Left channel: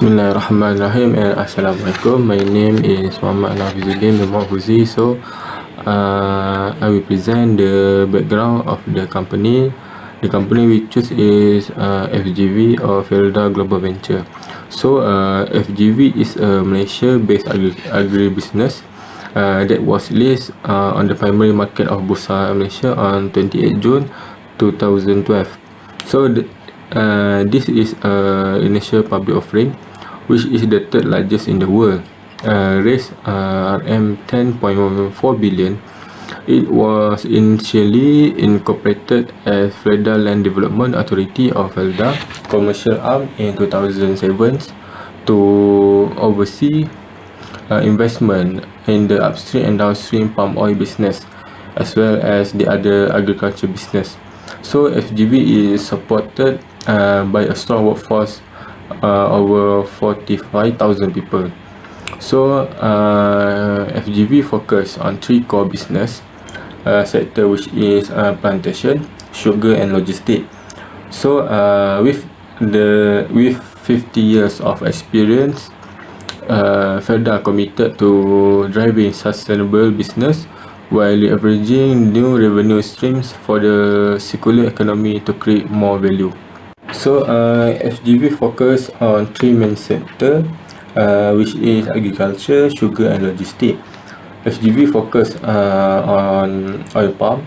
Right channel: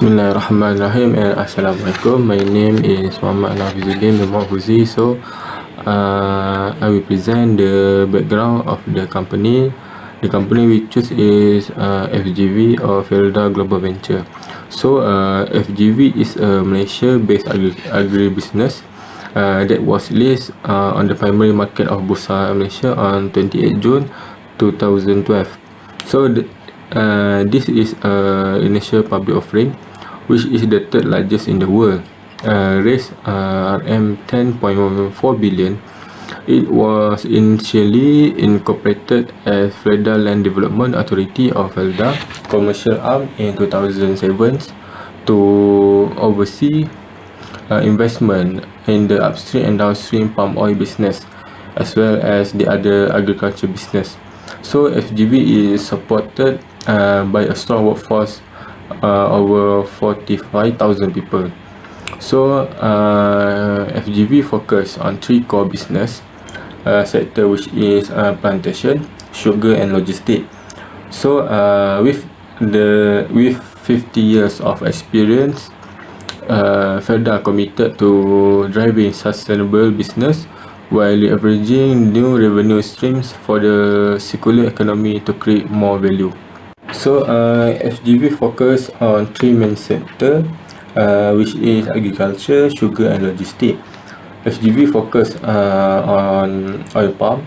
Bismillahirrahmanirrahim and Assalamualaikum. My name is Muhammad HAFIZUDIN from FUZI. So I will present the background of the company. The company we choose is FGV or FIRDAUS Global Venture. So FGV is a Malaysia-based agribusiness that was listed on the primary market of Bursa Malaysia on 28 June 2012. So this is initial public offering, which is the third largest in the world, raised RM 10.4 billion. It was initially incorporated as FIRDAUS Land Development Authority of FIRDAUS commercial arm in 2007 to oversee investment in the upstream and downstream palm oil business, as well as the other agriculture business. So FGV is supported by a strong workforce, over 45,000 people. So FGV focus on three core business sector, which is plantation, sugar and logistics. So with 50 years of experience, FIRDAUS committed to driving sustainable business while leveraging new revenue streams for the circular economy to create more value. So FGV focus on three main sectors, which is agriculture, sugar and logistics. FGV focus on oil palm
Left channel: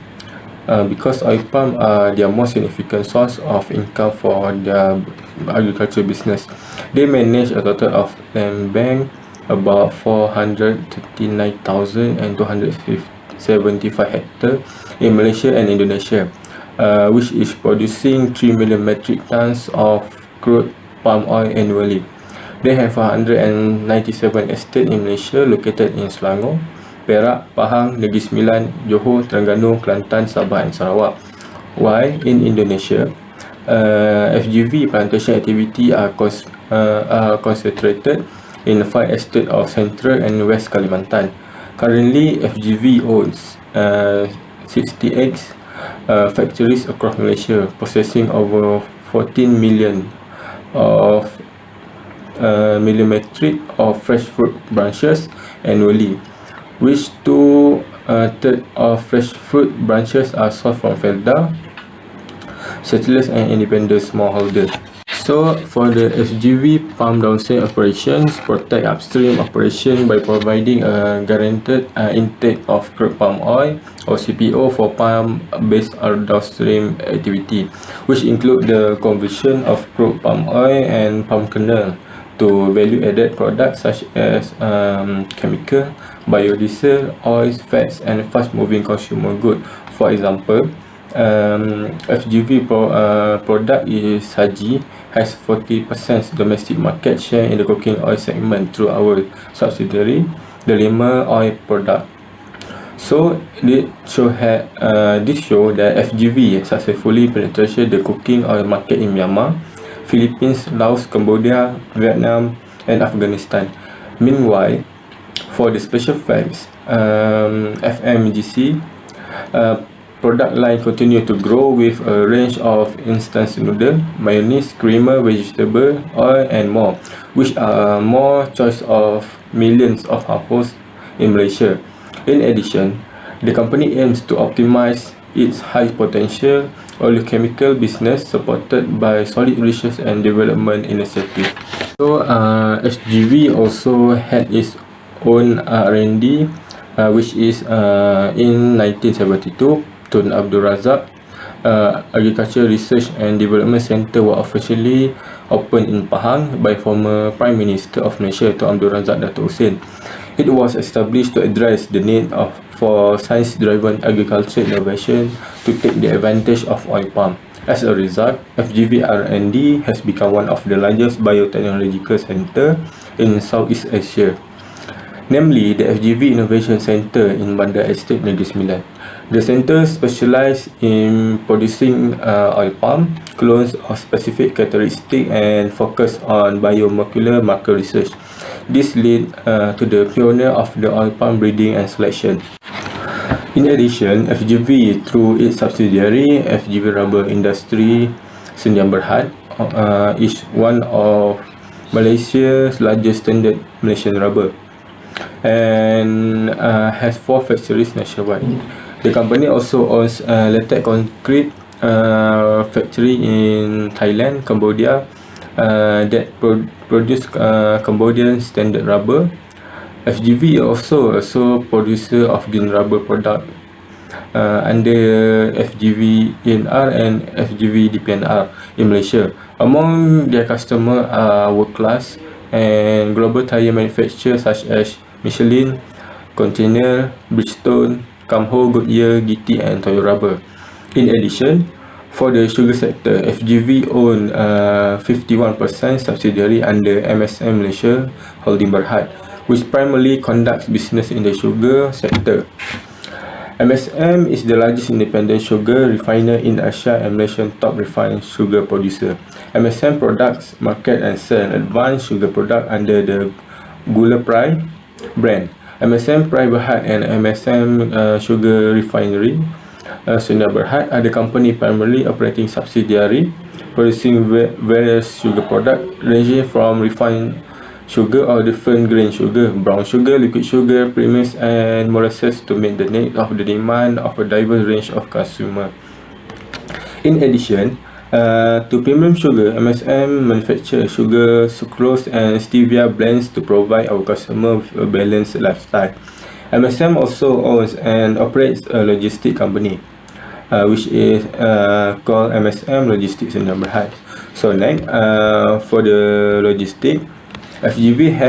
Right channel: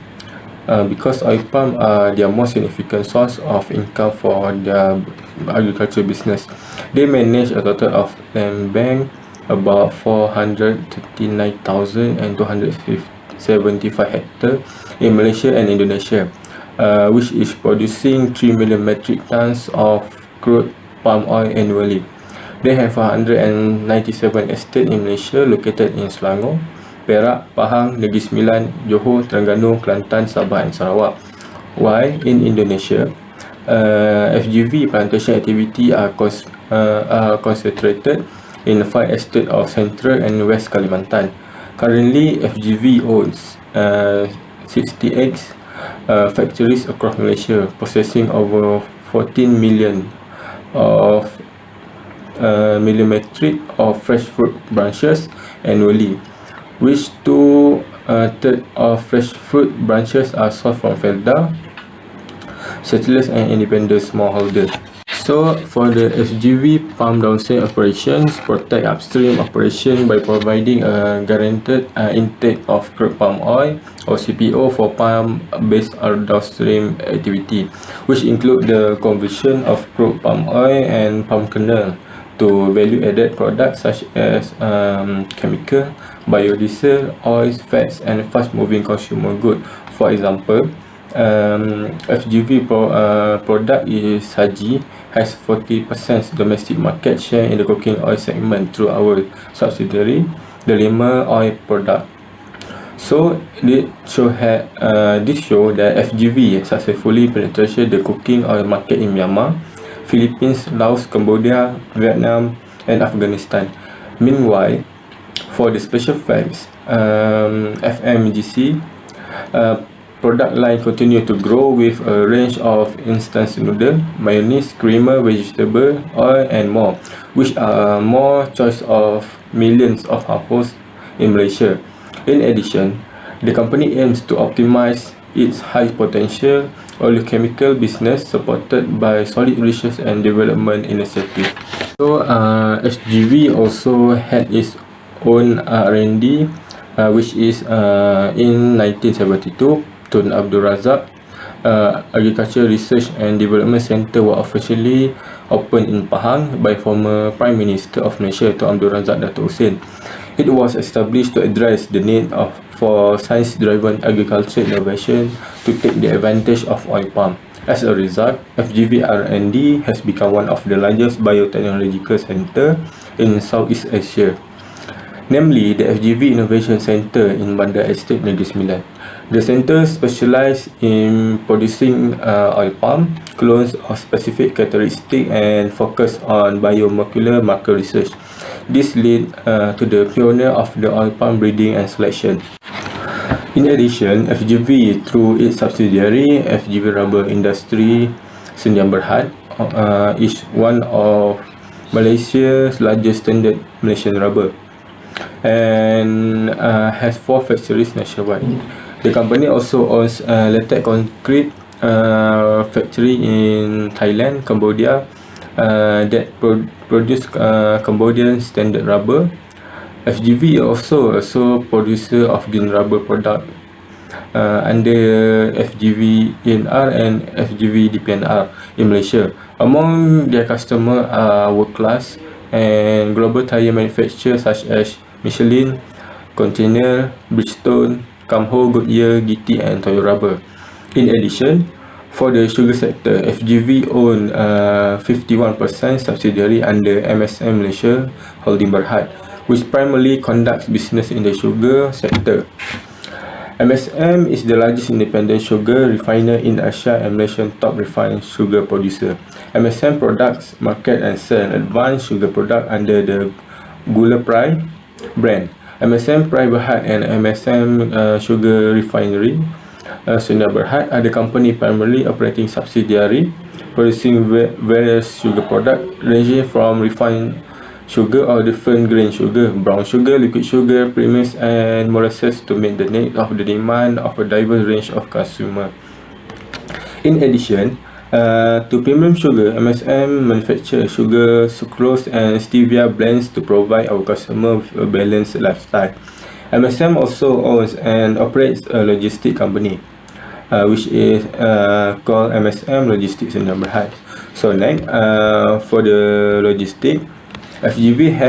because oil palm are their most significant source of income for their agriculture business. They manage a total of land bank about 439,275 hectares in Malaysia and Indonesia, which is producing 3 million metric tons of crude palm oil annually. They have 197 estates in Malaysia located in Selangor, Perak, Pahang, Negeri Sembilan, Johor, Terengganu, Kelantan, Sabah and Sarawak. While in Indonesia, FGV plantation activity are concentrated in the 5 estates of Central and West Kalimantan. Currently, FGV owns 68 factories across Malaysia, processing over 14 million metric of fresh fruit branches annually, which 2/3 of fresh fruit branches are sourced from FIRDAUS, settlers and independent smallholders. So for the FGV palm downstream operations, protect upstream operation by providing a guaranteed intake of crude palm oil or CPO for palm-based downstream activity, which include the conversion of crude palm oil and palm kernel to value-added products such as chemical, biodiesel, oils, fats and fast-moving consumer goods. For example, FGV product is Haji has 40% domestic market share in the cooking oil segment through our subsidiary, the Lima Oil Product. So this show that FGV successfully penetrated the cooking oil market in Myanmar, Philippines, Laos, Cambodia, Vietnam and Afghanistan. Meanwhile, for the special fats, FMGC product line continue to grow with a range of instant noodle, mayonnaise, creamer, vegetable oil and more, which are more choice of millions of households in Malaysia. In addition, the company aims to optimize its high potential oleochemical business supported by solid research and development initiative. So FGV also had its own R&D, which is in 1972. Tun Abdul Razak Agriculture Research and Development Center were officially opened in Pahang by former Prime Minister of Malaysia, Tun Abdul Razak Dato' Hussein. It was established to address the need for science-driven agriculture innovation to take the advantage of oil palm. As a result, FGV R&D has become one of the largest biotechnological centers in Southeast Asia, namely the FGV Innovation Center in Bandar Estate Negeri Sembilan. The center specializes in producing oil palm clones of specific characteristics and focus on biomolecular marker research. This led to the pioneer of the oil palm breeding and selection. In addition, FGV through its subsidiary FGV Rubber Industry Sdn Bhd is one of Malaysia's largest standard Malaysian rubber, and has 4 factories nationwide. The company also owns a latex concrete factory in Thailand, Cambodia, that produce Cambodian standard rubber. FGV also producer of green rubber product under FGV ENR and FGV DPNR in Malaysia. Among their customers are world-class and global tire manufacturers such as Michelin, Container, Bridgestone, Camho, Goodyear, GT, and Toyo Rubber. In addition, for the sugar sector, FGV own 51% subsidiary under MSM Malaysia Holding Bhd, which primarily conducts business in the sugar sector. MSM is the largest independent sugar refiner in Asia and Malaysian top refined sugar producer. MSM products market and sell advanced sugar product under the Gula Pride brand. MSM Pride Bhd and MSM Sugar Refinery Sunda Bhd are the company primarily operating subsidiary producing various sugar products ranging from refined sugar or different grain sugar, brown sugar, liquid sugar, premix, and molasses to meet the needs of the demand of a diverse range of consumers. In addition to premium sugar, MSM manufactures sugar, sucrose, and stevia blends to provide our customers with a balanced lifestyle. MSM also owns and operates a logistic company, which is called MSM Logistics in Bhd. So next, for the logistic, FGV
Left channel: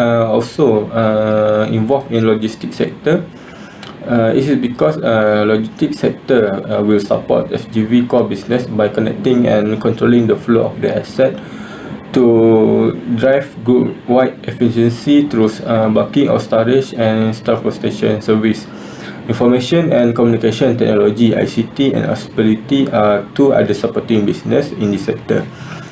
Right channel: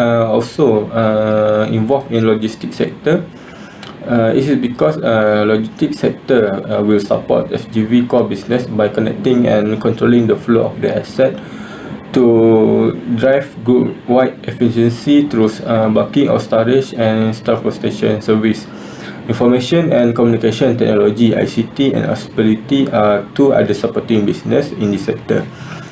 also involved in logistics sector. It is because logistics sector will support FGV core business by connecting and controlling the flow of the asset to drive group-wide efficiency through bulking of storage and transportation service. Information and communication technology (ICT) and hospitality are two other supporting business in this sector.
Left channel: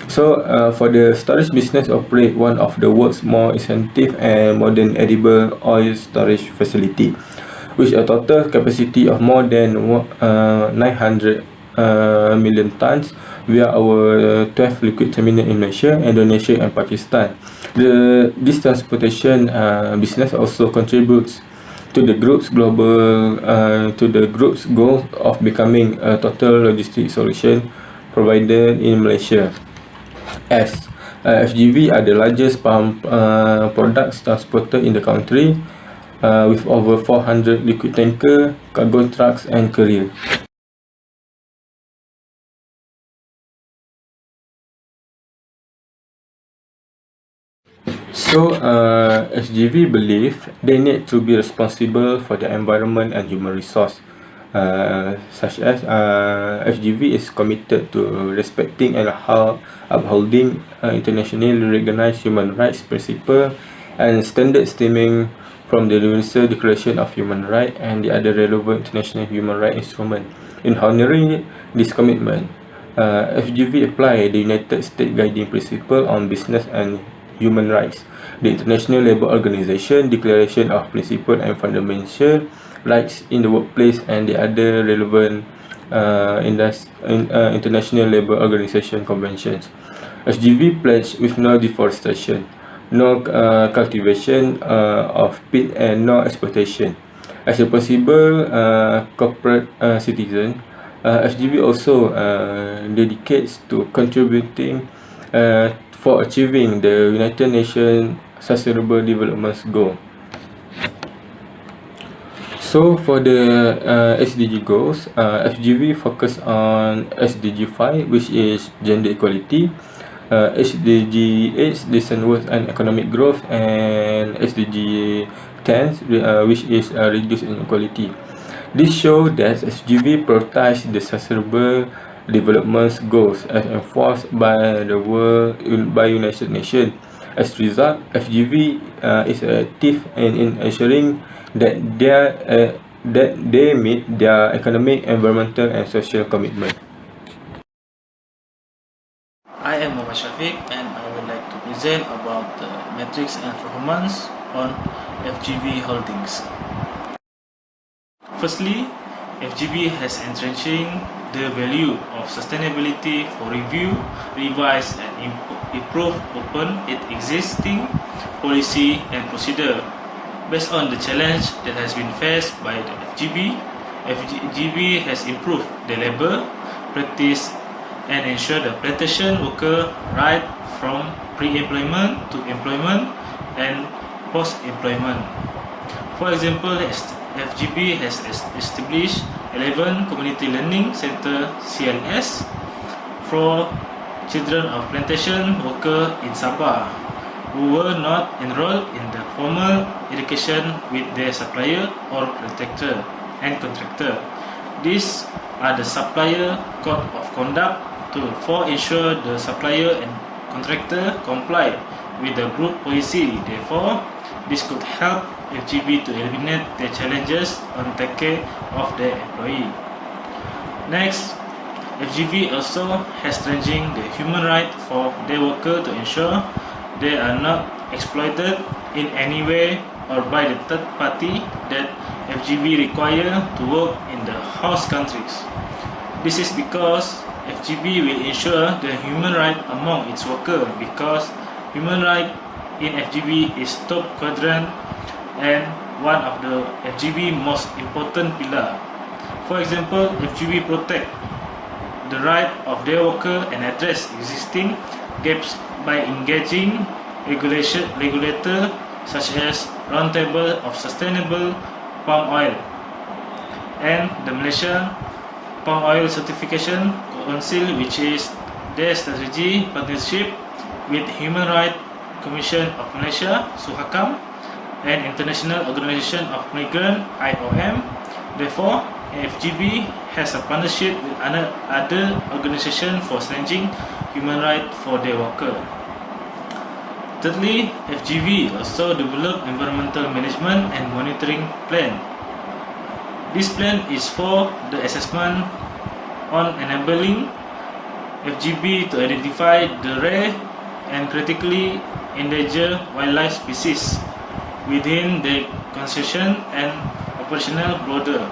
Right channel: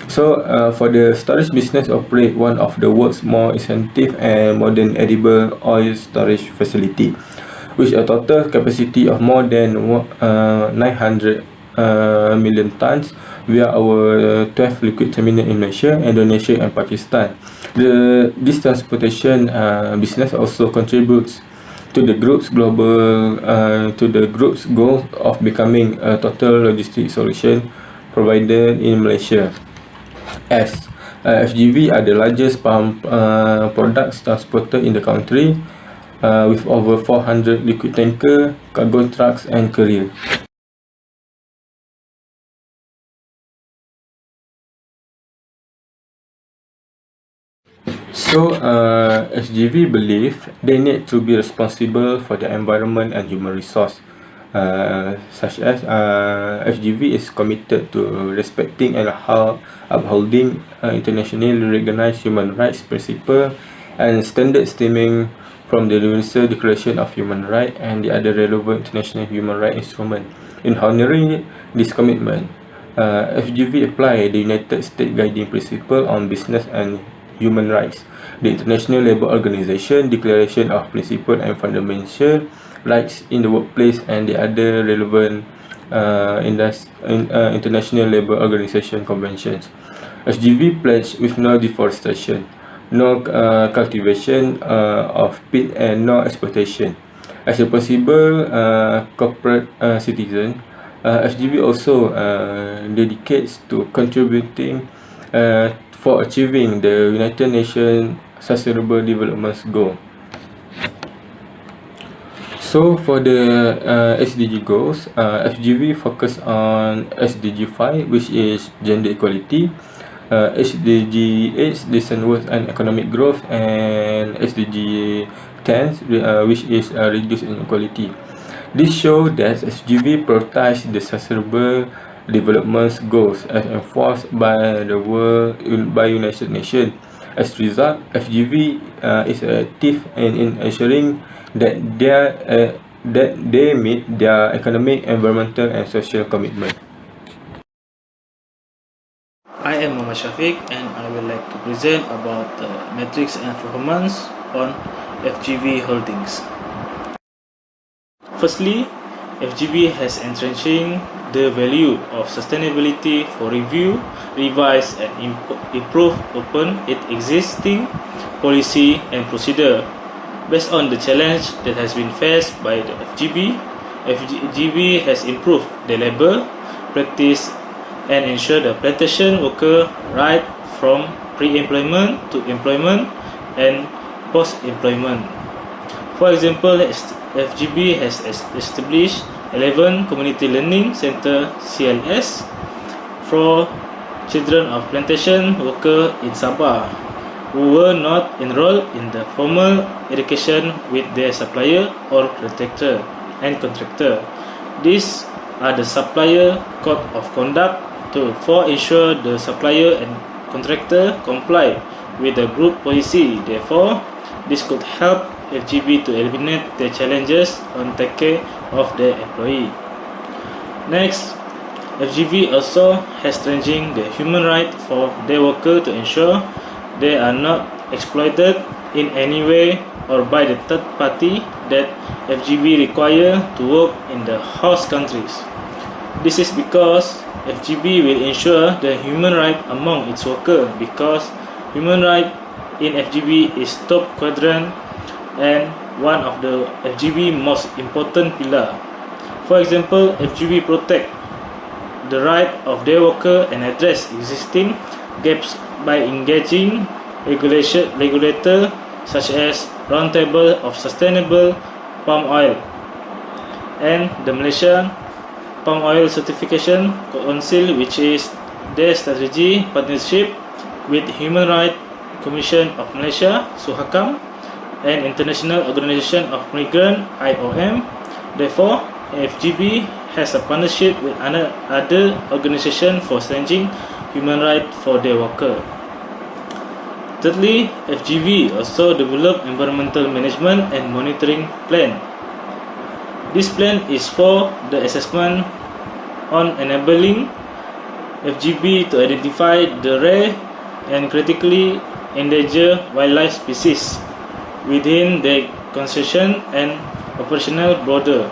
So, for the storage business, operate one of the world's more extensive and modern edible oil storage facility, with a total capacity of more than 900 million tons via our 12 liquid terminal in Malaysia, Indonesia, and Pakistan. This transportation business also contributes to the group's goal of becoming a total logistics solution provider in Malaysia. As FGV are the largest palm products transporter in the country, with over 400 liquid tanker, cargo trucks, and courier. So, FGV believe they need to be responsible for the environment and human resource, such as FGV is committed to respecting and upholding internationally recognized human rights principles and standards stemming from the Universal Declaration of Human Rights and the other relevant international human rights instruments. In honoring this commitment, FGV apply the United States Guiding Principle on Business and Human Rights, the International Labour Organization Declaration of Principles and Fundamental Rights in the Workplace, and the other relevant International Labour Organization conventions. FGV pledge with no deforestation, no cultivation of peat, and no exploitation. As a possible corporate citizen, FGV also dedicates to contributing for achieving the United Nations Sustainable Development Goal. So for the SDG goals, FGV focus on SDG 5, which is gender equality, SDG 8, decent work and economic growth, and SDG 10, which is reduce inequality. This shows that FGV prioritize the sustainable development goals as enforced by the United Nations. As a result, FGV is active in ensuring that they meet their economic, environmental, and social commitment. I am Umar and I would like to present about the metrics and performance on FGV Holdings. Firstly, FGV has entrenching the value of sustainability for review, revise and improve upon its existing policy and procedure. Based on the challenge that has been faced by the FGV, FGV has improved the labour practice and ensured the plantation worker right from pre-employment to employment and post-employment. For example, FGV has established 11 Community Learning Center CLS for children of plantation workers in Sabah who were not enrolled in the formal education with their supplier or contractor. These are the supplier code of conduct for ensure the supplier and contractor comply with the group policy. Therefore, this could help FGV to eliminate the challenges on take care of their employee. Next, FGV also has strengthened the human right for their worker to ensure they are not exploited in any way or by the third party that FGV require to work in the host countries. This is because FGV will ensure the human right among its workers, because human right in FGV is top quadrant and one of the FGV most important pillar. For example, FGV protect the right of their worker and address existing gaps by engaging regulator such as Roundtable of Sustainable Palm Oil and the Malaysian Palm Oil Certification Council, which is their strategy partnership with Human Rights Commission of Malaysia (SUHAKAM) and International Organization of Migrants (IOM). Therefore, FGV has a partnership with other organizations for strengthening human rights for their workers. Thirdly, FGV also developed environmental management and monitoring plan. This plan is for the assessment on enabling FGV to identify the rare and critically endangered wildlife species within the concession and operational border.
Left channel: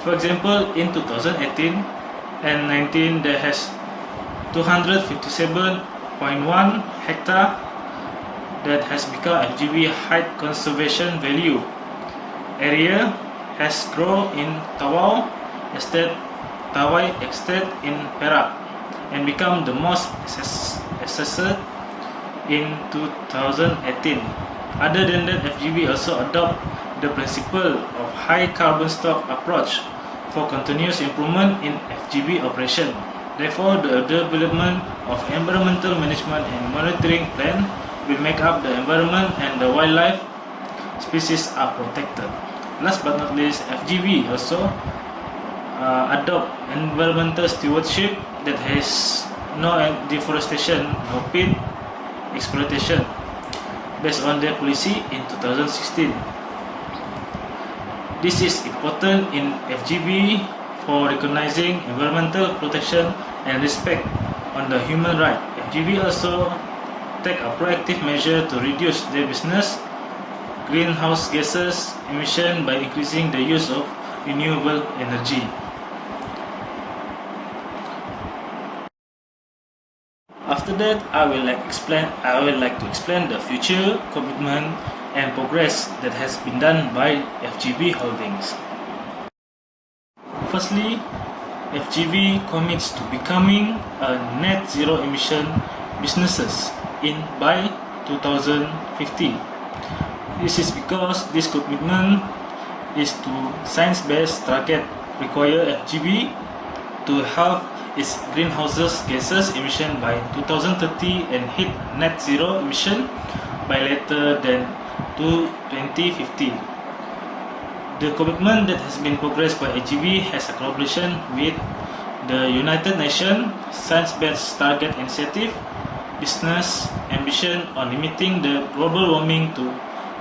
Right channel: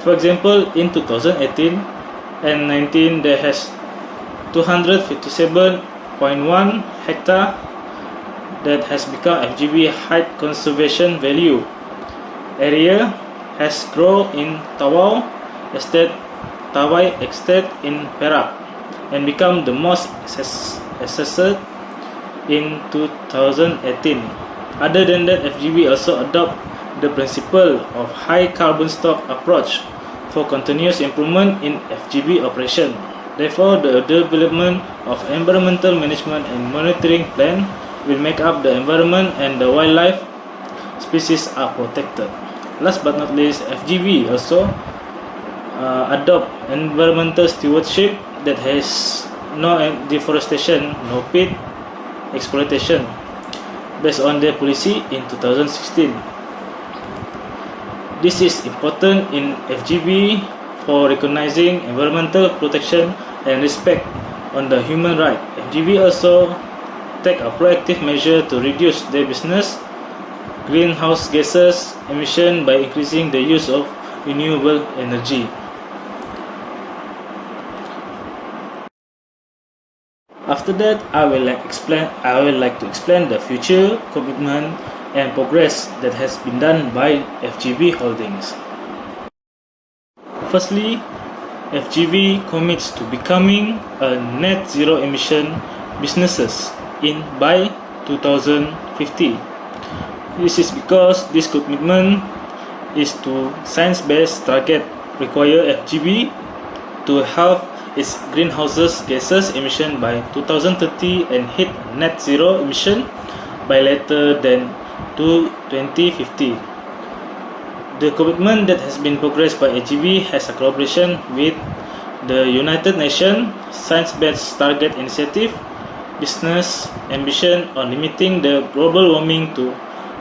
For example, in 2018 and 19, there has 257.1 hectare that has become FGV high conservation value. Area has grown in Tawai Estate in Perak and become the most assessed in 2018. Other than that, FGV also adopt the principle of high carbon stock approach for continuous improvement in FGV operation. Therefore, the development of environmental management and monitoring plan will make up the environment and the wildlife species are protected. Last but not least, FGV also adopt environmental stewardship that has no deforestation, no pit exploitation based on their policy in 2016. This is important in FGV for recognizing environmental protection and respect on the human right. FGV also take a proactive measure to reduce their business greenhouse gases emission by increasing the use of renewable energy. After that, I will like to explain the future commitment and progress that has been done by FGV Holdings. Firstly, FGV commits to becoming a net zero emission businesses by 2050. This is because this commitment is to science-based target require FGV to halve its greenhouse gases emission by 2030 and hit net zero emission by later than 2050. The commitment that has been progressed by FGV has a collaboration with the United Nations Science-Based Target Initiative business ambition on limiting the global warming to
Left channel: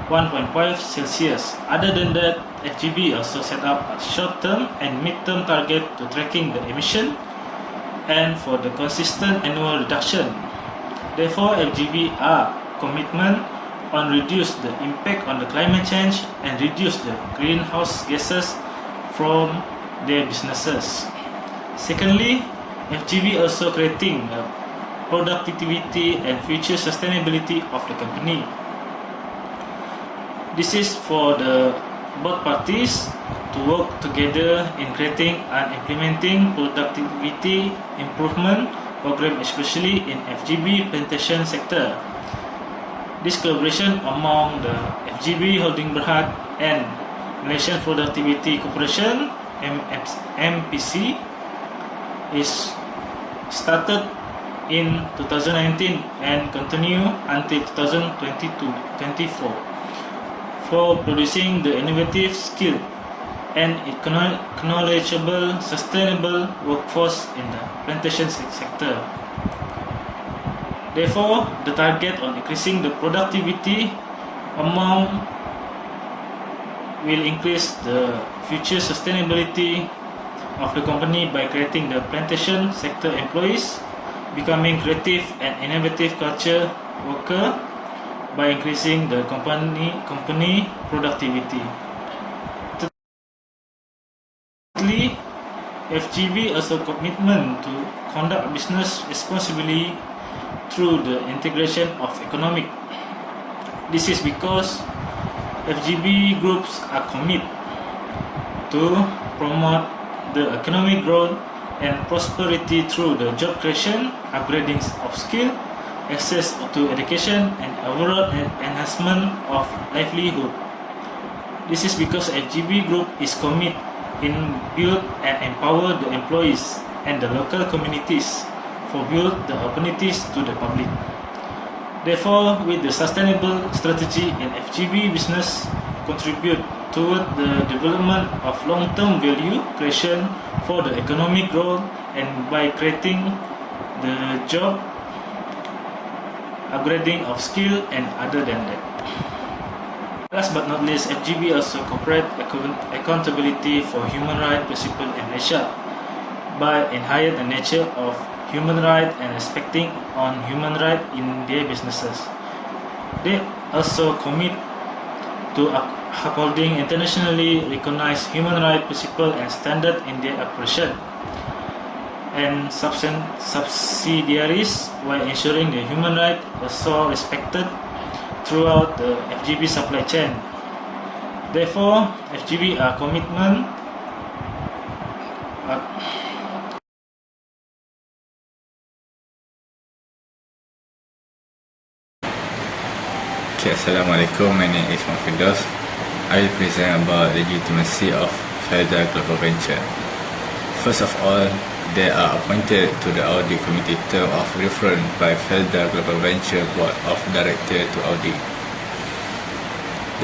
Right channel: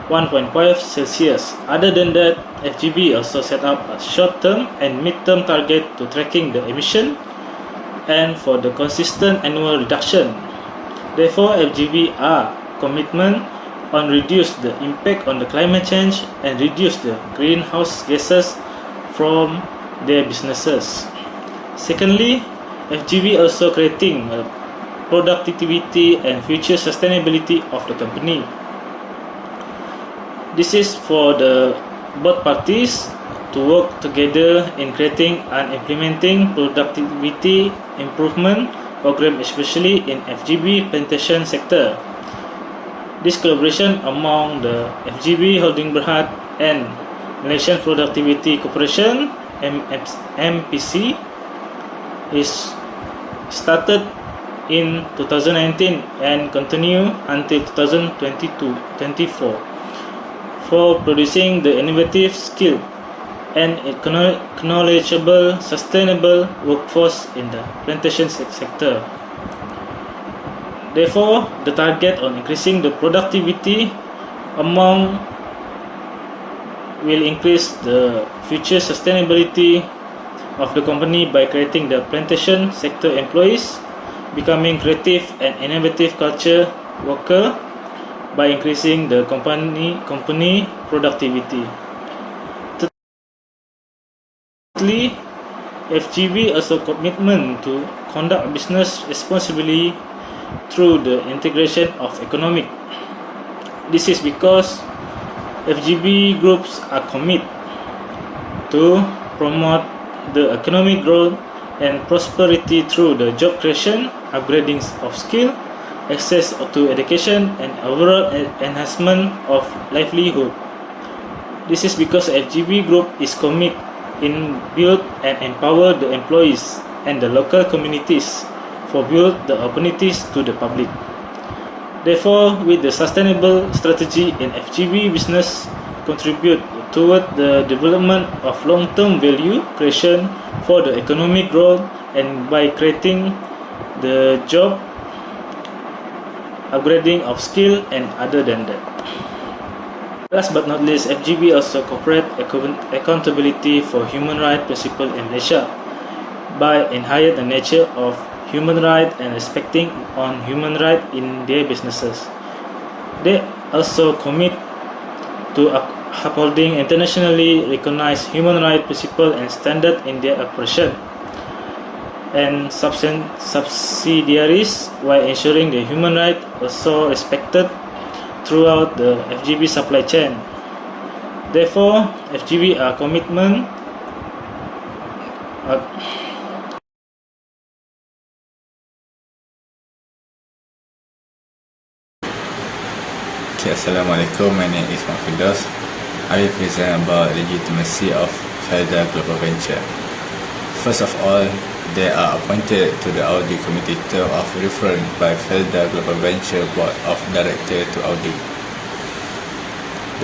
1.5 Celsius. Other than that, FGV also set up a short-term and mid-term target to tracking the emission and for the consistent annual reduction. Therefore, FGV are commitment on reduce the impact on the climate change and reduce the greenhouse gases from their businesses. Secondly, FGV also creating productivity and future sustainability of the company. This is for the both parties to work together in creating and implementing productivity improvement program, especially in FGV plantation sector. This collaboration among the FGV Holdings Bhd and Malaysian Productivity Corporation MPC is started in 2019 and continue until 2022-24 for producing the innovative, skilled, and knowledgeable, sustainable workforce in the plantation sector. Therefore, the target on increasing the productivity among will increase the future sustainability of the company by creating the plantation sector employees, becoming creative and innovative culture worker by increasing the company productivity. Thirdly, FGV also commitment to conduct business responsibly through the integration of economic. This is because FGV groups are committed to promote the economic growth and prosperity through the job creation, upgrading of skill, access to education, and overall enhancement of livelihood. This is because FGV Group is committed in build and empower the employees and the local communities for build the opportunities to the public. Therefore, with the sustainable strategy in FGV business contribute toward the development of long-term value creation for the economic growth and by creating the job, upgrading of skill, and other than that. Last but not least, FGV also corporate accountability for human rights principles in Malaysia by enhancing the nature of human rights and respecting on human rights in their businesses. They also commit to upholding internationally recognized human rights principles and standards in their operation and subsidiaries while ensuring the human rights also respected throughout the FGV supply chain. Therefore, FGV are commitment Okay, Assalamualaikum. My name is FIRDAUS. I will present about legitimacy of FIRDAUS Global Venture. First of all, they are appointed to the audit committee term of reference by FIRDAUS Global Venture Board of Directors to audit.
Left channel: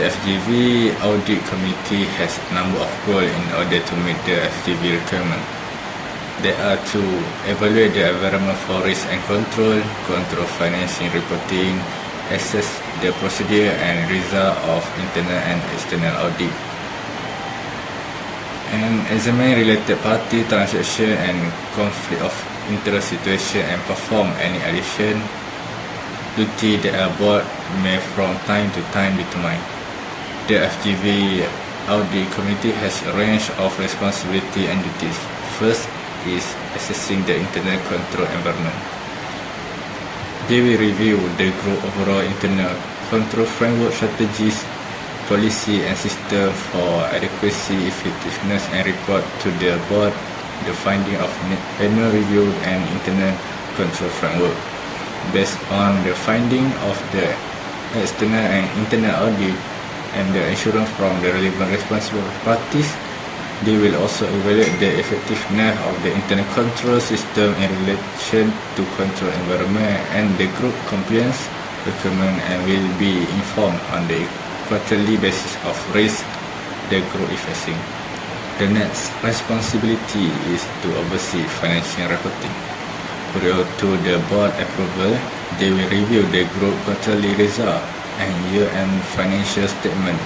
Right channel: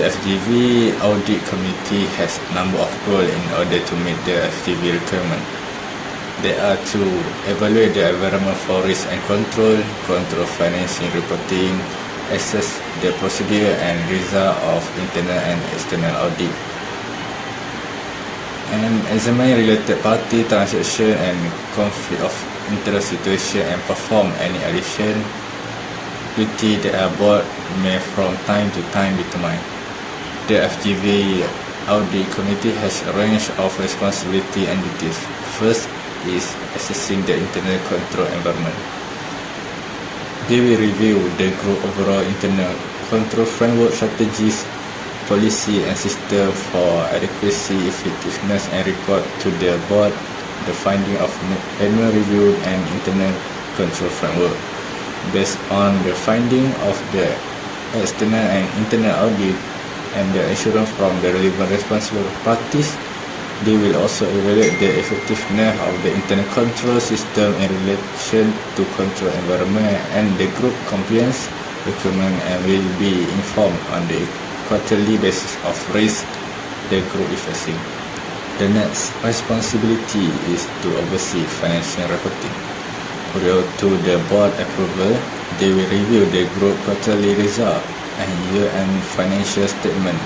The FGV Audit Committee has a number of goals in order to meet the FGV requirement. They are to evaluate the environment for risk and control financing reporting, assess the procedure and result of internal and external audit, and examine related party transaction and conflict of interest situation and perform any addition duty that a board may from time to time determine. The FGV Audit Committee has a range of responsibility and duties. First is assessing the internal control environment. They will review the group overall internal control framework strategies, policy and system for adequacy, effectiveness, and report to the board the finding of annual review and internal control framework. Based on the finding of the external and internal audit and the assurance from the relevant responsible parties, they will also evaluate the effectiveness of the internal control system in relation to control environment and the group compliance requirement, and will be informed on the quarterly basis of risk the group is facing. The next responsibility is to oversee financial reporting. Prior to the board approval, they will review the group quarterly result and year-end financial statement,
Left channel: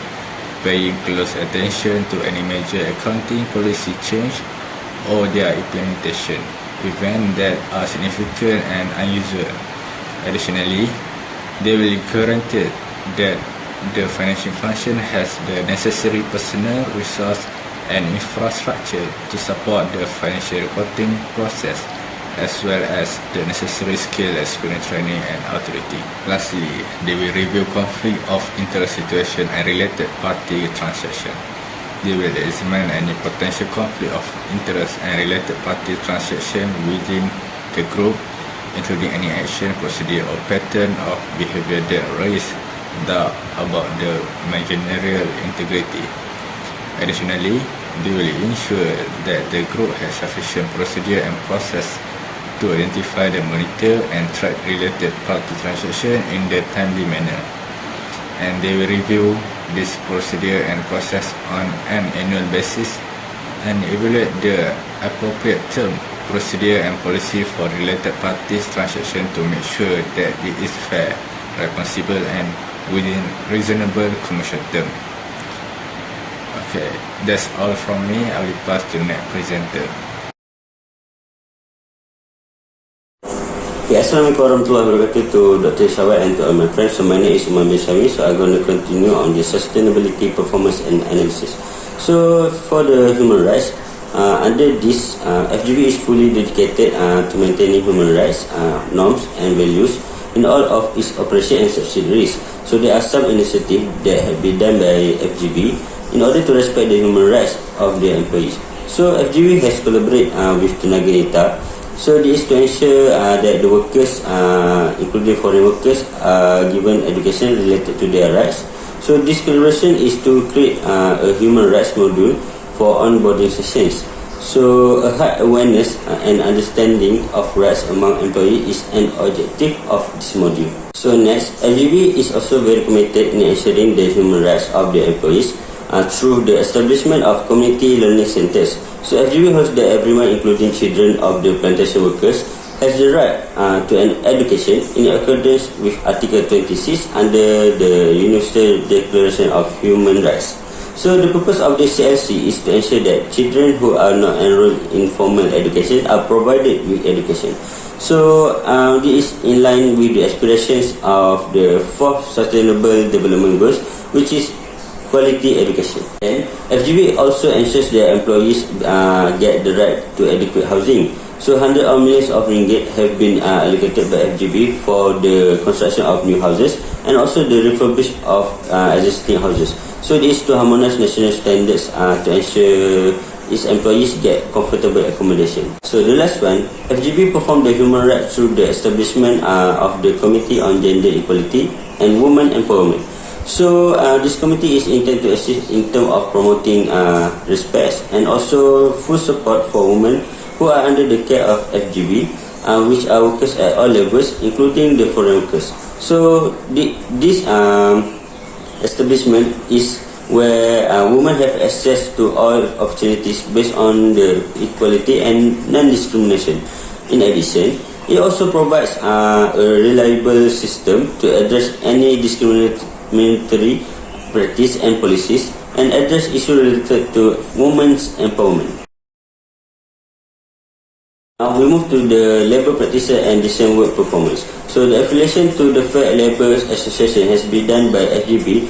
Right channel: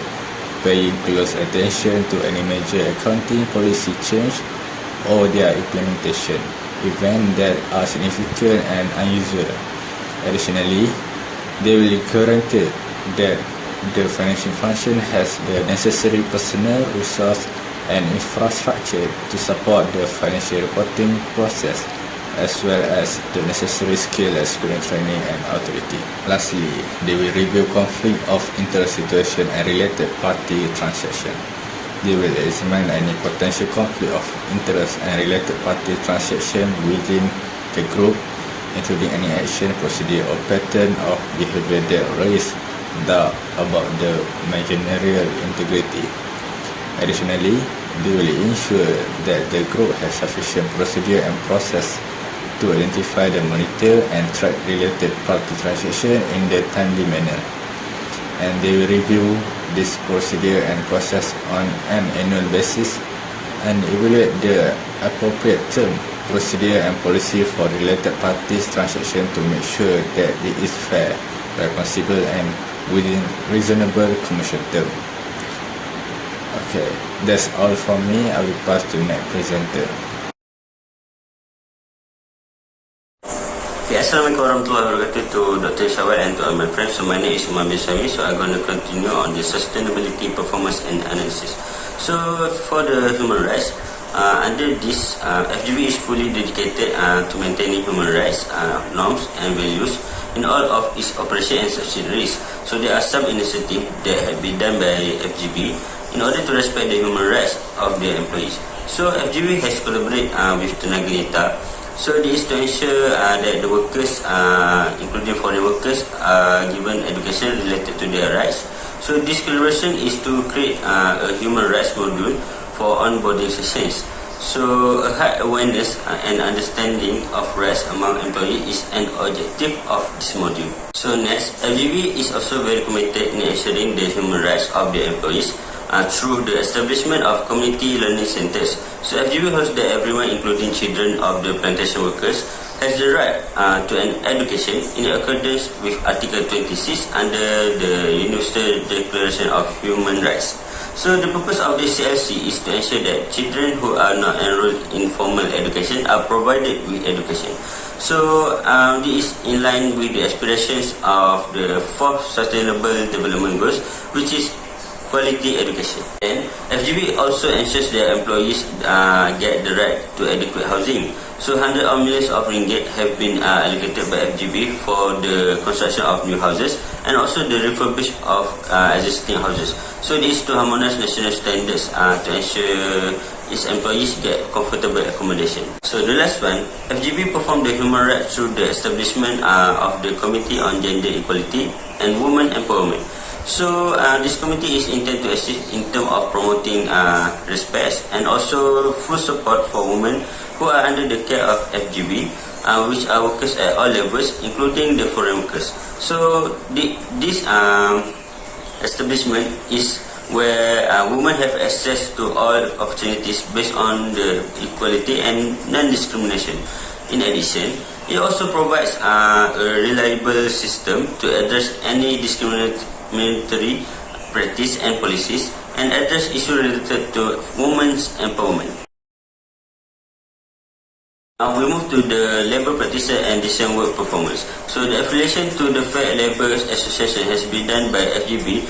paying close attention to any major accounting policy change or their implementation, events that are significant and unusual. Additionally, they will guarantee that the financial function has the necessary personnel, resource, and infrastructure to support the financial reporting process, as well as the necessary skill, experience, training and authority. Lastly, they will review conflict of interest situation and related party transaction. They will examine any potential conflict of interest and related party transaction within the group, including any action, procedure or pattern of behavior that raise doubt about the managerial integrity. Additionally, they will ensure that the group has sufficient procedure and process to identify the monitor and track related party transaction in the timely manner. And they will review this procedure and process on an annual basis and evaluate the appropriate term, procedure and policy for related parties transaction to make sure that it is fair, responsible and within reasonable commercial term. Okay, that's all from me. I will pass to next presenter. Okay, Assalamualaikum warahmatullahi wabarakatuh to Dr. Shawad and to all my friends. So my name is Umar bin Suhaimi. So I'm going to continue on the sustainability, performance and analysis. So for the human rights, under this, FGV is fully dedicated to maintaining human rights norms and values in all of its operation and subsidiaries. So there are some initiatives that have been done by FGV in order to respect the human rights of their employees. So FGV has collaborated with Tenaga Neta. So this is to ensure that the workers, including foreign workers, are given education related to their rights. So this collaboration is to create a human rights module for onboarding sessions. So a high awareness and understanding of rights among employees is an objective of this module. So next, FGV is also very committed in ensuring the human rights of their employees through the establishment of community learning centers. So FGV hopes that everyone, including children of the plantation workers, has the right to an education in accordance with Article 26 under the Universal Declaration of Human Rights. So the purpose of the CLC is to ensure that children who are not enrolled in formal education are provided with education. So this is in line with the aspirations of the 4th Sustainable Development Goals, which is quality education. And FGV also ensures their employees get the right to adequate housing. So hundreds of millions of ringgit have been allocated by FGV for the construction of new houses and also the refurbish of existing houses. So this is to harmonize national standards to ensure its employees get comfortable accommodation. So the last one, FGV performed the human rights through the establishment of the Committee on Gender Equality and Women Empowerment. So this committee is intended to assist in terms of promoting respect and also full support for women who are under the care of FGV, which are workers at all levels, including the foreign workers. So this establishment is where women have access to all opportunities based on the equality and non-discrimination. In addition, it also provides a reliable system to address any discriminatory practice and policies and address issues related to women's empowerment. Now we move to the labour practices and decent work performance. So the affiliation to the Fair Labour Association has been done by FGV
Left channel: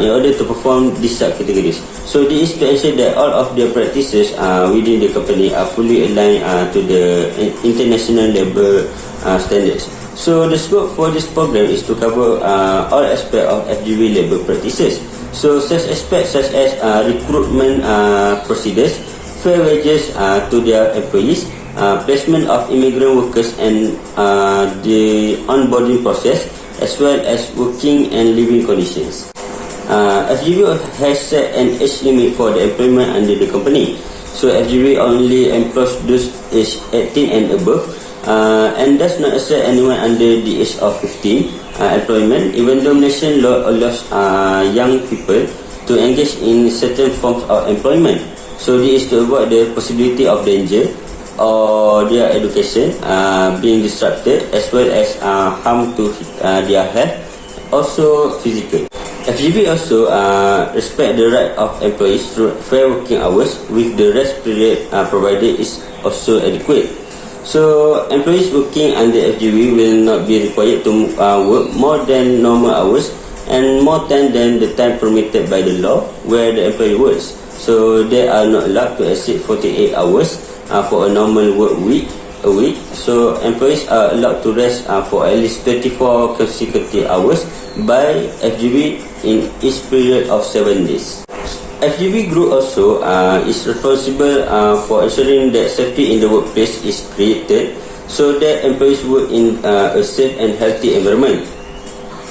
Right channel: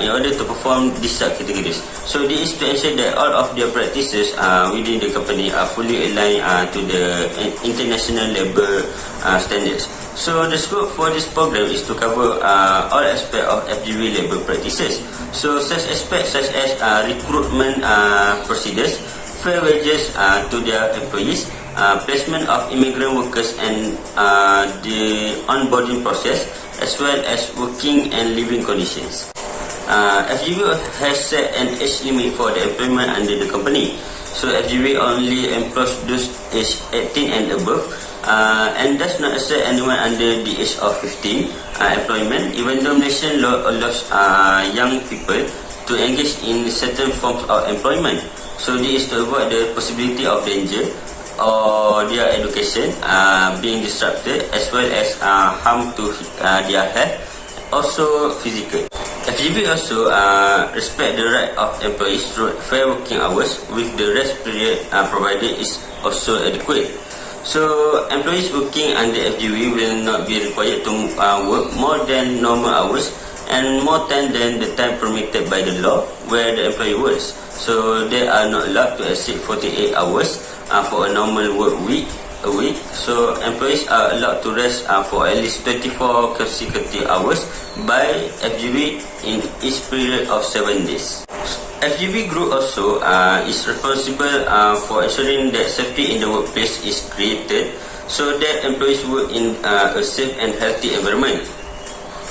in order to perform these subcategories. So this is to ensure that all of their practices within the company are fully aligned to the international labour standards. So the scope for this program is to cover all aspects of FGV labour practices. So such aspects such as recruitment procedures, fair wages to their employees, placement of immigrant workers and the onboarding process, as well as working and living conditions. FGV has set an age limit for the employment under the company. So FGV only employs those aged 18 and above and does not accept anyone under the age of 15 employment, even though nation law allows young people to engage in certain forms of employment. So this is to avoid the possibility of danger or their education being disrupted, as well as harm to their health, also physical. FGV also respect the right of employees through fair working hours, with the rest period provided is also adequate. So employees working under FGV will not be required to work more than normal hours, and more time than the time permitted by the law where the employee works. So they are not allowed to exceed 48 hours for a normal work week. So employees are allowed to rest for at least 24 consecutive hours by FGV in each period of 7 days. FGV Group also is responsible for ensuring that safety in the workplace is created so that employees work in a safe and healthy environment.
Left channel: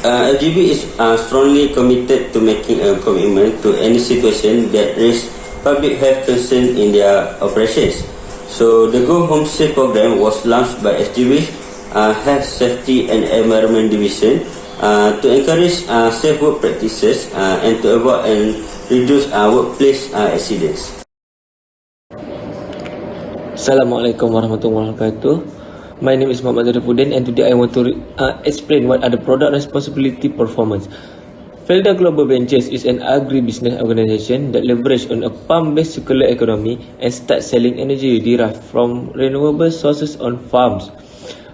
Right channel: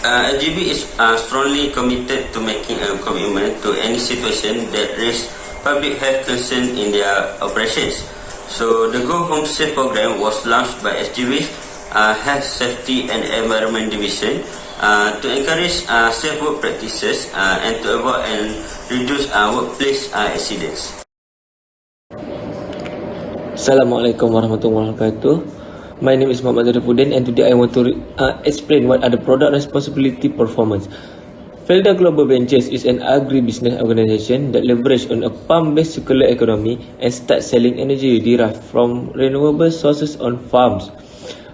FGV is strongly committed to making a commitment to any situation that raises public health concern in their operations. So the Go Home Safe program was launched by FGV Health Safety and Environment Division to encourage safe work practices and to avoid and reduce workplace accidents. Assalamualaikum warahmatullahi wabarakatuh. My name is Muhammad ZARIFUDIN, and today I want to explain what are the product responsibility performance. FIRDAUS Global Ventures is an agribusiness organization that leverages on a farm-based circular economy and starts selling energy derived from renewable sources on farms.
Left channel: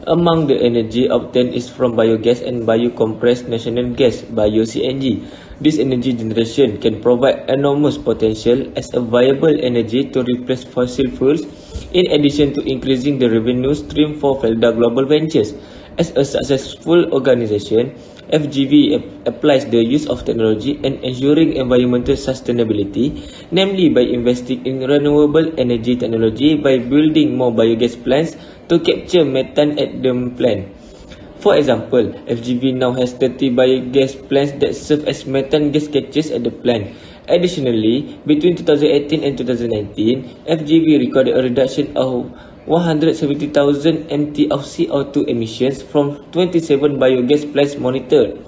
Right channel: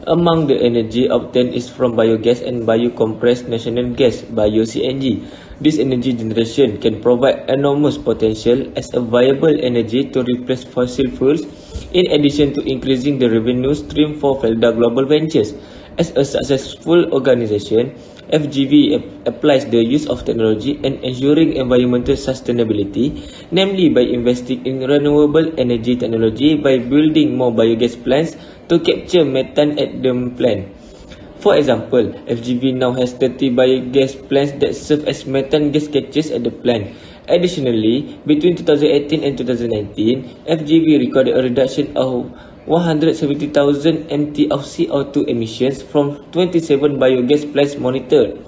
Among the energy obtained is from biogas and biocompressed natural gas, bio-CNG. This energy generation can provide enormous potential as a viable energy to replace fossil fuels, in addition to increasing the revenue stream for FIRDAUS Global Ventures. As a successful organization, FGV applies the use of technology and ensuring environmental sustainability, namely by investing in renewable energy technology by building more biogas plants to capture methane at the plant. For example, FGV now has 30 biogas plants that serve as methane gas catchers at the plant. Additionally, between 2018 and 2019, FGV recorded a reduction of 170,000 MT of CO2 emissions from 27 biogas plants monitored.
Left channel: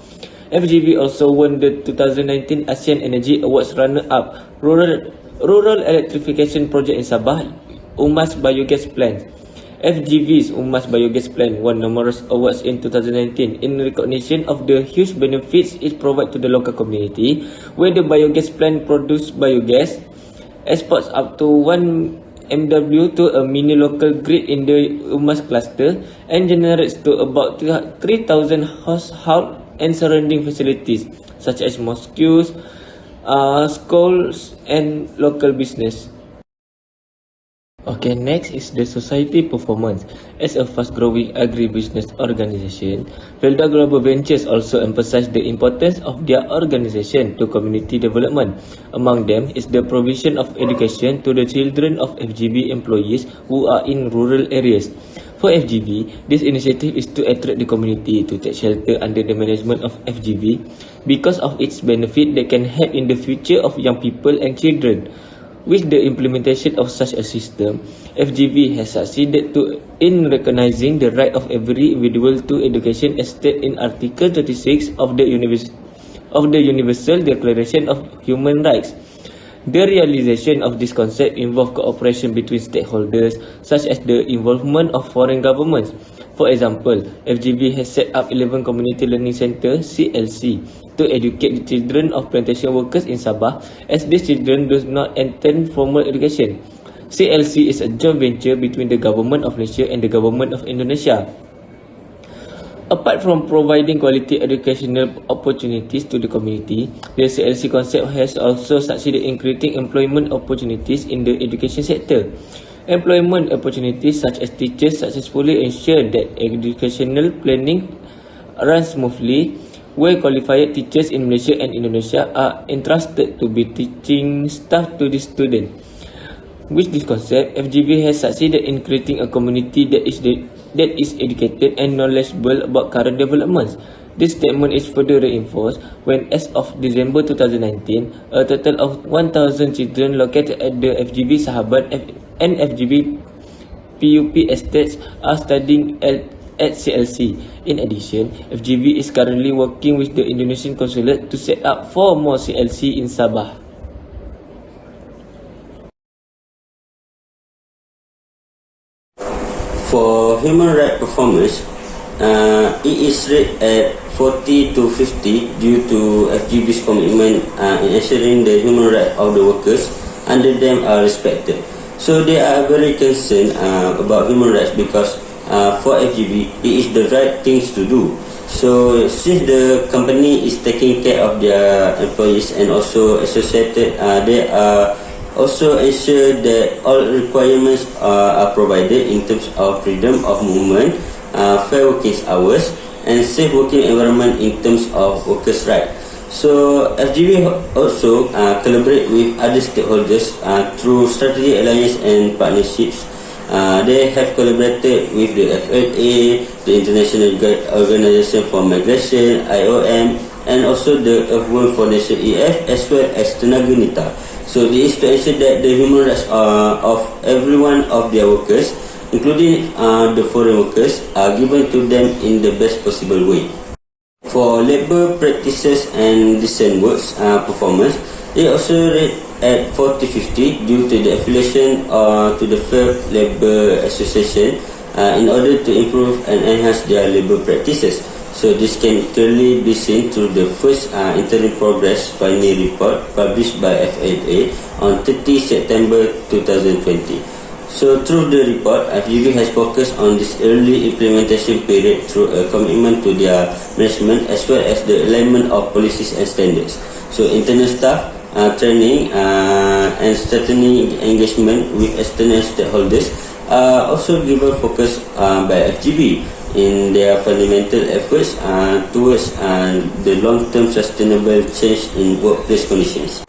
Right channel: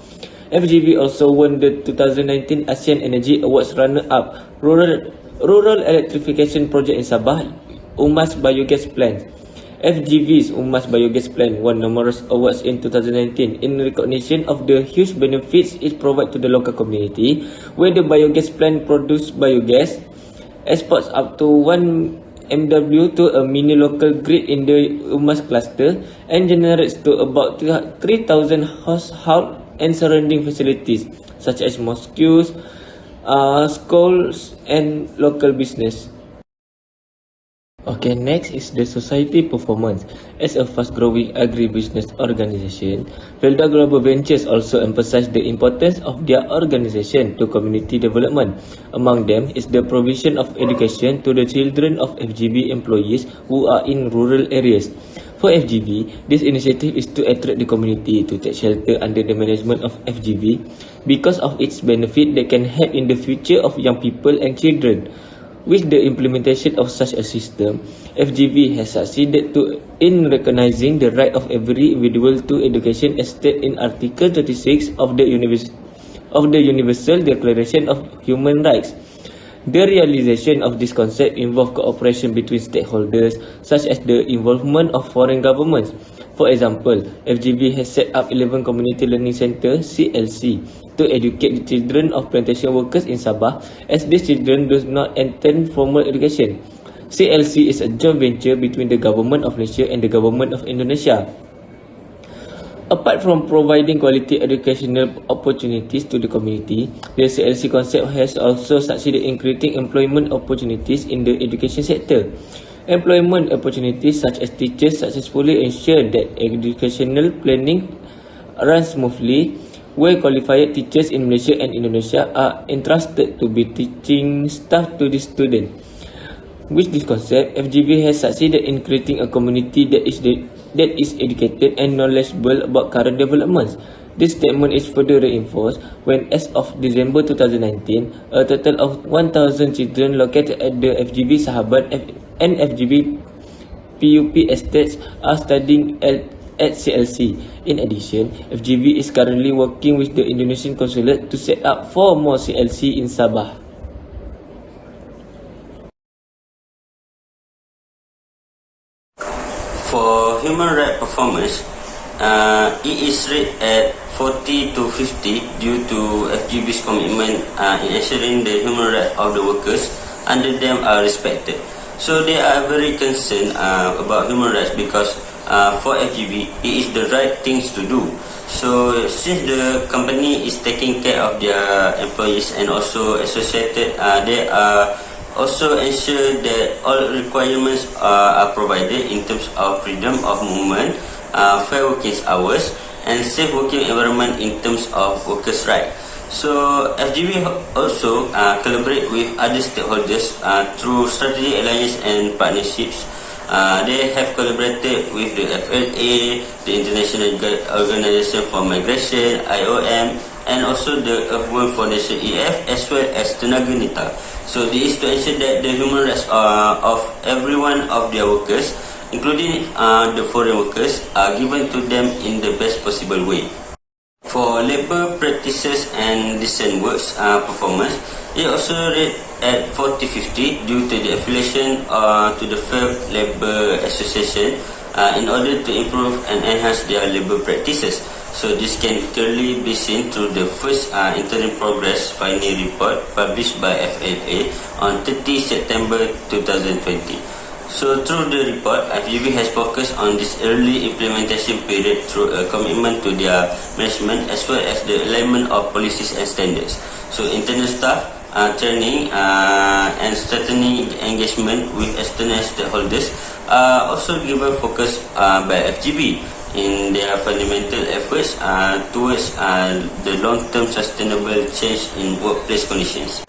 FGV also won the 2019 ASEAN Energy Awards runner-up Rural Electrification Project in Sabah, Umar's Biogas Plant. FGV's Umar's Biogas Plant won numerous awards in 2019 in recognition of the huge benefits it provides to the local community, where the biogas plant produces biogas, exports up to 1 MW to a mini local grid in the Umas cluster, and generates to about 3,000 households and surrounding facilities such as mosques, schools and local business. Okay, next is the society performance. As a fast-growing agribusiness organization, FIRDAUS Global Ventures also emphasize the importance of their organization to community development. Among them is the provision of education to the children of FGV employees who are in rural areas. For FGV, this initiative is to attract the community to take shelter under the management of FGV because of its benefit that can help in the future of young people and children. With the implementation of such a system, FGV has succeeded in recognizing the right of every individual to education as stated in Article 36 of the Universal Declaration of Human Rights. The realization of this concept involves cooperation between stakeholders, such as the involvement of foreign governments. For example, FGV has set up 11 Community Learning Centres (CLC) to educate the children of plantation workers in Sabah, as these children do not attend formal education. CLC is a joint venture between the Government of Malaysia and the Government of Indonesia. Apart from providing quality educational opportunities to the community, the CLC concept has also succeeded in creating employment opportunities in the education sector. Employment opportunities such as teachers successfully ensure that educational planning runs smoothly, where qualified teachers in Malaysia and Indonesia are entrusted to be teaching staff to the students. With this concept, FGV has succeeded in creating a community that is educated and knowledgeable about current developments. This statement is further reinforced when, as of December 2019, a total of 1,000 children located at the FGV Sahabat and FGV PUP estates are studying at CLC. In addition, FGV is currently working with the Indonesian Consulate to set up 4 more CLC in Sabah. For human rights performance, it is rated at 40 to 50 due to FGV's commitment in ensuring the human rights of the workers under them are respected. So they are very concerned about human rights because for FGV, it is the right things to do. So since the company is taking care of their employees and also associated, they are also ensure that all requirements are provided in terms of freedom of movement, fair working hours, and safe working environment in terms of workers' rights. So FGV also collaborate with other stakeholders through strategic alliance and partnerships. They have collaborated with the FLA, the International Organization for Migration, IOM, and also the Earthworm Foundation EF, as well as Tenaga Nita. So this is to ensure that the human rights of every one of their workers, including the foreign workers, are given to them in the best possible way. For labour practices and decent works performance, it also rate at 40-50 due to the affiliation to the Fair Labour Association in order to improve and enhance their labour practices. So this can clearly be seen through the first interim progress finding report published by FLA on 30 September 2020. So through the report, FGV has focused on this early implementation period through a commitment to their management as well as the alignment of policies and standards. So internal staff training and strengthening engagement with external stakeholders are also given focus by FGV in their fundamental efforts towards the long-term sustainable change in workplace conditions.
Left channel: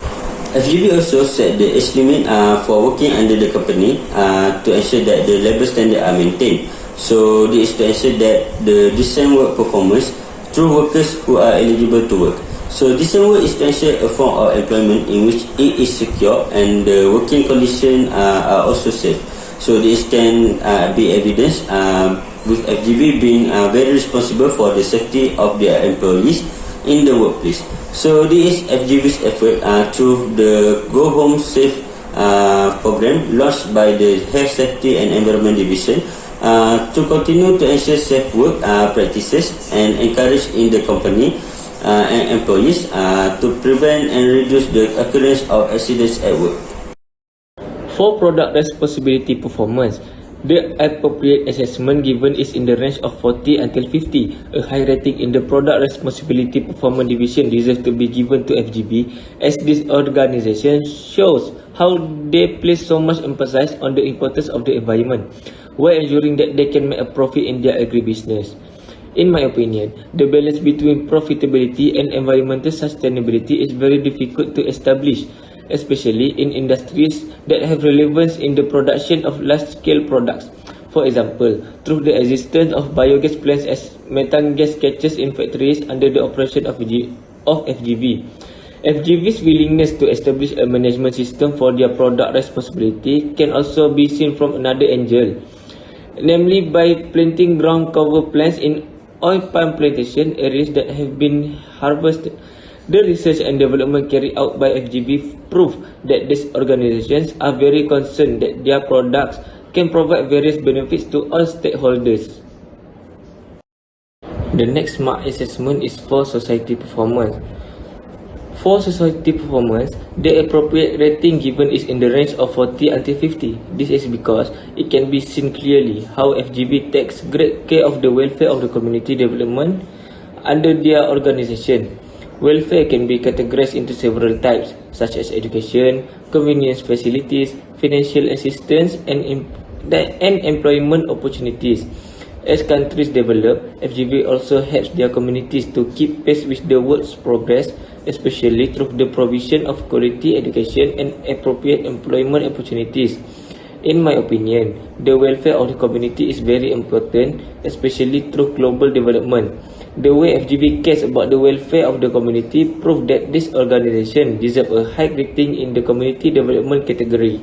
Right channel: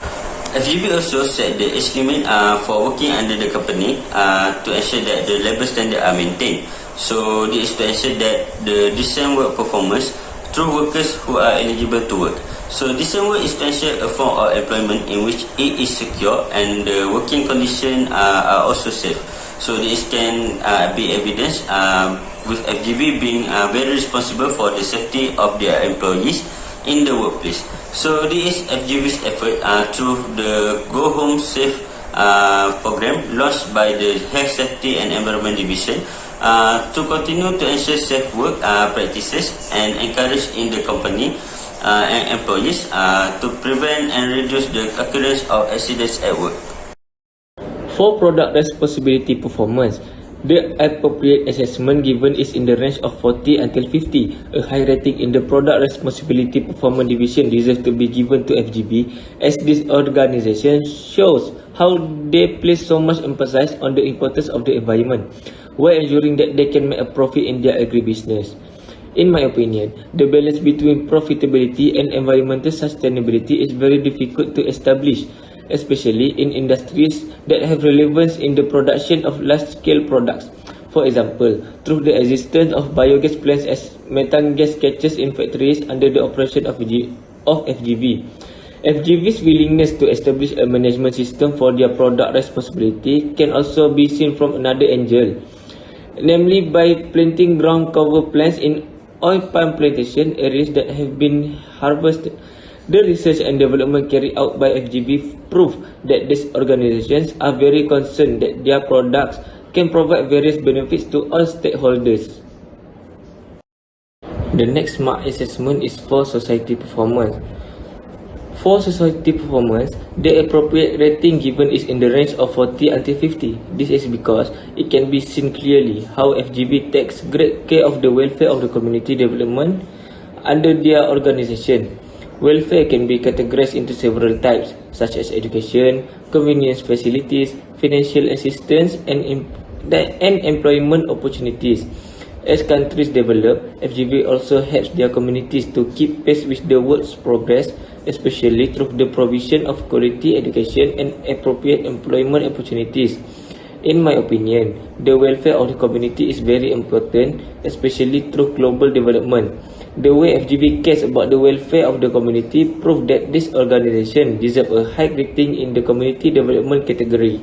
FGV also set the age limit for working under the company to ensure that the labour standards are maintained. So this is to ensure that the decent work performance through workers who are eligible to work. So decent work is to ensure a form of employment in which it is secure and the working conditions are also safe. So this can be evidenced with FGV being very responsible for the safety of their employees in the workplace. So this is FGV's effort through the Go Home Safe program launched by the Health Safety and Environment Division to continue to ensure safe work practices and encourage in the company and employees to prevent and reduce the occurrence of accidents at work. For product responsibility performance, the appropriate assessment given is in the range of 40 until 50. A high rating in the product responsibility performance division deserves to be given to FGV, as this organization shows how they place so much emphasis on the importance of the environment, while ensuring that they can make a profit in their agribusiness. In my opinion, the balance between profitability and environmental sustainability is very difficult to establish, especially in industries that have relevance in the production of large-scale products. For example, through the existence of biogas plants as methane gas catchers in factories under the operation of FGV. FGV's willingness to establish a management system for their product responsibility can also be seen from another angle, namely by planting ground cover plants in oil palm plantation areas that have been harvested. The research and development carried out by FGV prove that these organizations are very concerned that their products can provide various benefits to all stakeholders. The next mark assessment is for society performance. For society performance, the appropriate rating given is in the range of 40 until 50. This is because it can be seen clearly how FGV takes great care of the welfare of the community development under their organization. Welfare can be categorized into several types, such as education, convenience facilities, financial assistance, and employment opportunities. As countries develop, FGV also helps their communities to keep pace with the world's progress, especially through the provision of quality education and appropriate employment opportunities. In my opinion, the welfare of the community is very important, especially through global development. The way FGV cares about the welfare of the community proves that this organization deserves a high rating in the community development category.